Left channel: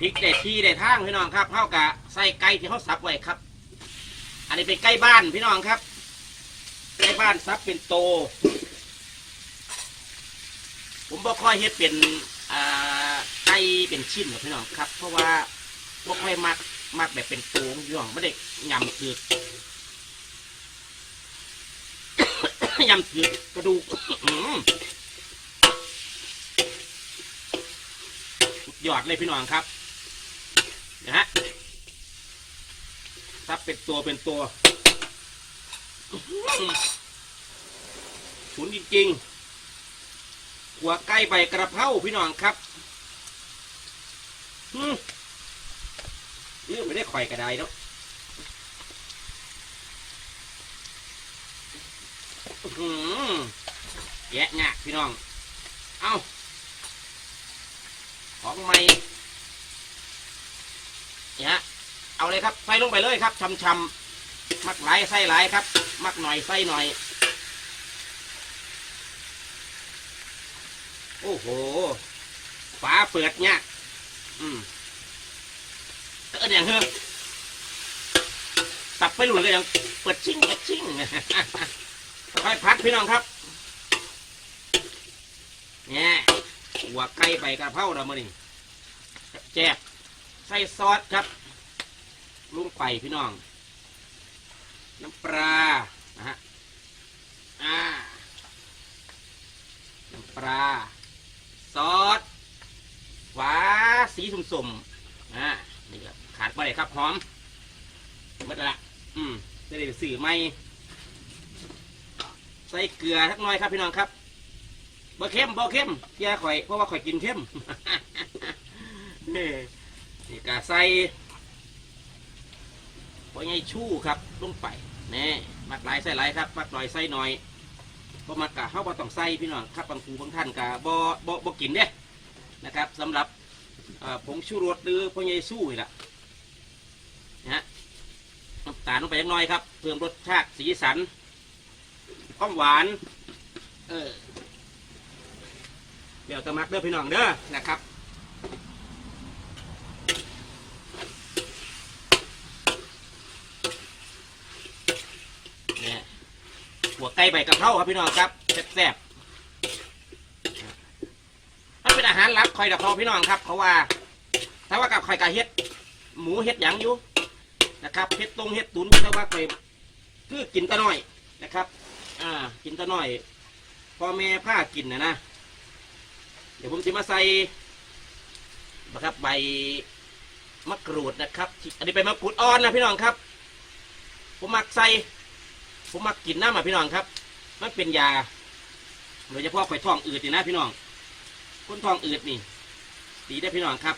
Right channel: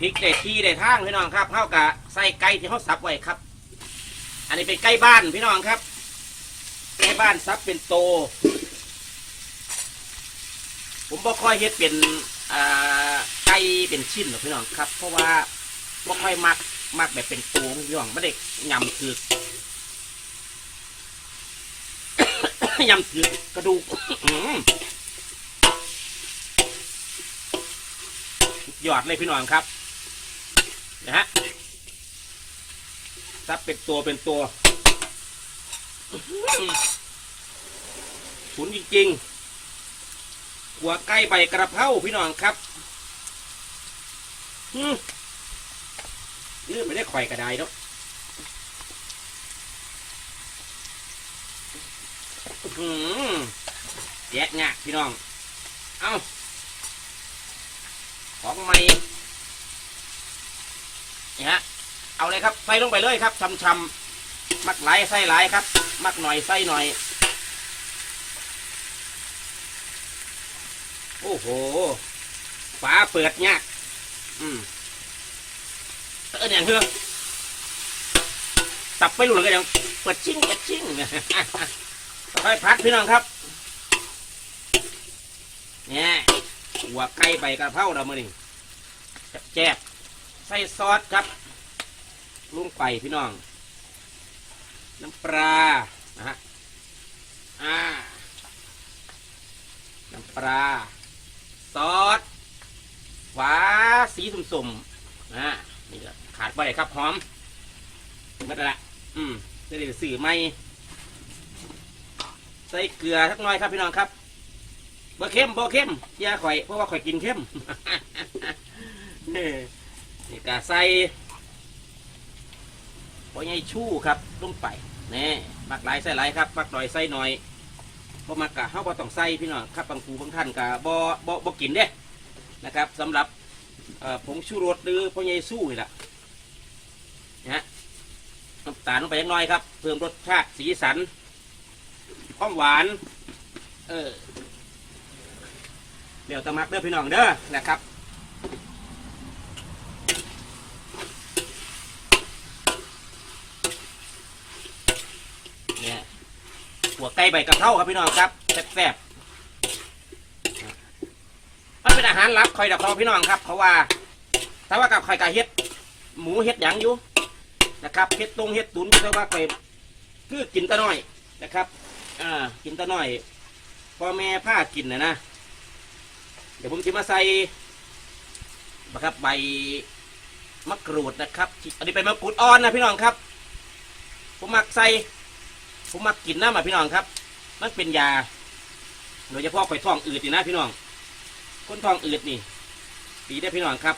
พริกได้ที่ได้ทางพี่น้องครับเท่ากับใส่ไก่ที่เขาสับไว้ครับ อันนี้เป็นไก่บ้านพี่น้องครับไก่บ้านสับเป็นโต ผมบ่ค่อยเฮ็ดเป็นไก่เป็นชิ้นหรอกพี่น้องครับ เพราะว่าบ่ค่อยมักมักแบบเป็นโตพี่น้องไม่ได้ยำคือยำคือกระดูกยอดเลยพี่น้องครับ นะฮะซับเป็นตัวเป็นตัวอื้อหือฉุนจริงๆหัวไก่ใบกระเพราพี่น้องครับอืมเออไม่ได้ข่อยกระไดเนาะอื้อหือแยะงะพี่น้อง เอาของใหม่ ฮะเอาเลยครับใส่ลงไปเลยครับชำๆมักหลายไส้หลายครับ มักหน่อยไส้หน่อย โอ้โหฝาเปิดเนี่ยอืมเอออย่างเฮ้อสับไปหลุดก็ยังเปิดชิ่งเปิดชิ่งค่อยพัดพี่น้องครับเนี่ยหัวไก่ใบกระเพราเราเมื่อนี้แจ๊บ ใส่ซอสครับลุงไปพี่น้อง น้ำปลานะฮะอ่าน้ำปลาซอสฟ้าสีสุ่มๆอ่านี่ครับขาดไปเลยครับหอมไม่ได้ละอืมจะได้สื่อไหมใส่เกลือทักหน้อยครับพี่น้องครับบ่เข้มบ่เข้มอยาข่อยเพราะว่าข่อยกินเข้ม นี่กาใส่พอไงชู่ครับลงไปแน่มักหลายใส่หลายครับมักหน่อยใส่หน่อยบ่มักกะเฮาบ่ต้องใส่พี่น้องครับบางครูบางท่านกะบ่บ่บ่กินเด้นะครับสำหรับผงชูรสหรือพอไงสู้นี่ล่ะนะฮะน้ำตาลลงไปเล็กน้อยครับ เพิ่มรสชาติสีสันความหวาน เออเดี๋ยวตะมักเด้อพี่น้องเด้อนะครับ เนี่ย หัวไก่ใบกระเพราครับพี่น้องครับแซ่บๆถ้าเป็นอาหารลับคอยดับพอพี่น้องครับ เพราะว่าถ้าว่ากับคอยกะเฮ็ด หมูเฮ็ดหยังอยู่นะครับเฮ็ดตรงเฮ็ดตุนแต่ว่าไปคือกินตะน้อยนะครับ อ่า กินตะน้อยพ่อแม่ผ้ากินนะนะเดี๋ยวผมจะมาใส่นะครับใบมะกรูดนะครับ อันนี้เป็นมะกรูดอ่อนนะพี่น้องครับ ผมมักใส่ ผมมักกินน้ำมาพี่น้องครับ มันเป็นยาโดยเฉพาะไข่ท้องอืดนี่นะพี่น้อง คนท้องอืดนี่ ดีได้พี่น้องครับ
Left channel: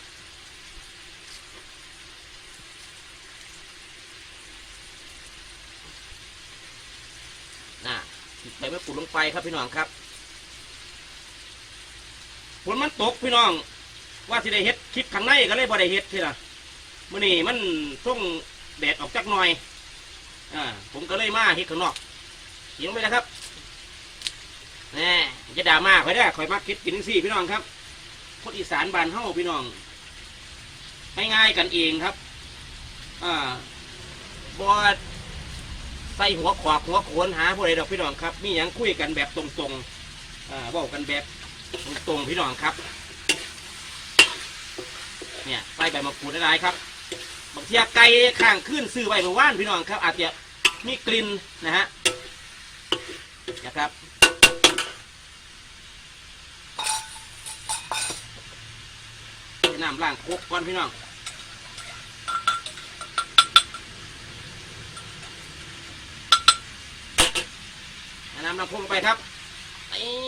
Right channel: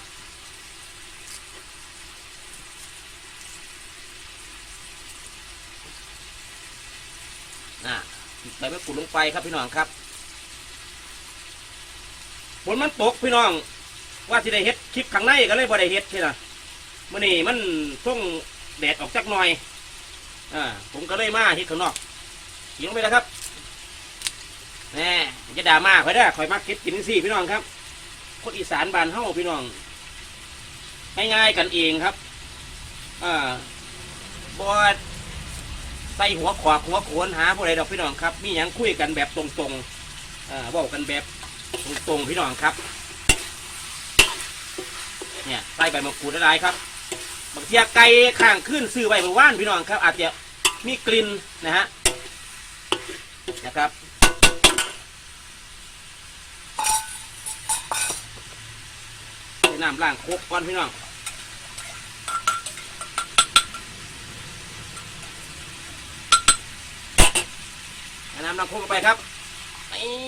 น่ะติดใบมะกรูดลงไปครับพี่น้องครับฝนมันตกพี่น้อง ว่าสิได้เฮ็ดคลิปข้างในก็เลยบ่ได้เฮ็ดที่นะมื่อนี้มันช่วงแดดออกจักหน่อย อ่าผมก็เลยมาเฮ็ดข้างนอกเสียงไปแล้วครับแหมจะด่ามาคอยได้คอยมาคิดกินสี่พี่น้องครับ คนอีสานบ้านเฮาพี่น้องง่ายๆกันเองครับ อ่าบอดใส่หัวขวากหัวโขนหาผู้ใดดอกพี่น้องครับ มีหยังคุยกันแบบตรงๆอ่าว้ากันแบบตรงๆพี่น้องครับ เนี่ยใส่ใบมะกรูดได้ครับ บางทีไก่ข้างขึ้นซื้อไว้เมื่อวานพี่น้องครับ อาจจะมีกลิ่นนะฮะนะครับน้ำล้างโคกก่อนพี่น้องน้ำล้างคกไปครับนี่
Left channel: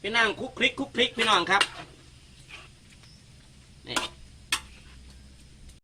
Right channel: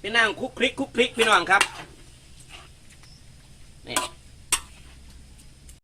เป็นนั่งคลุกคลิกคลุกคลิกพี่น้องครับ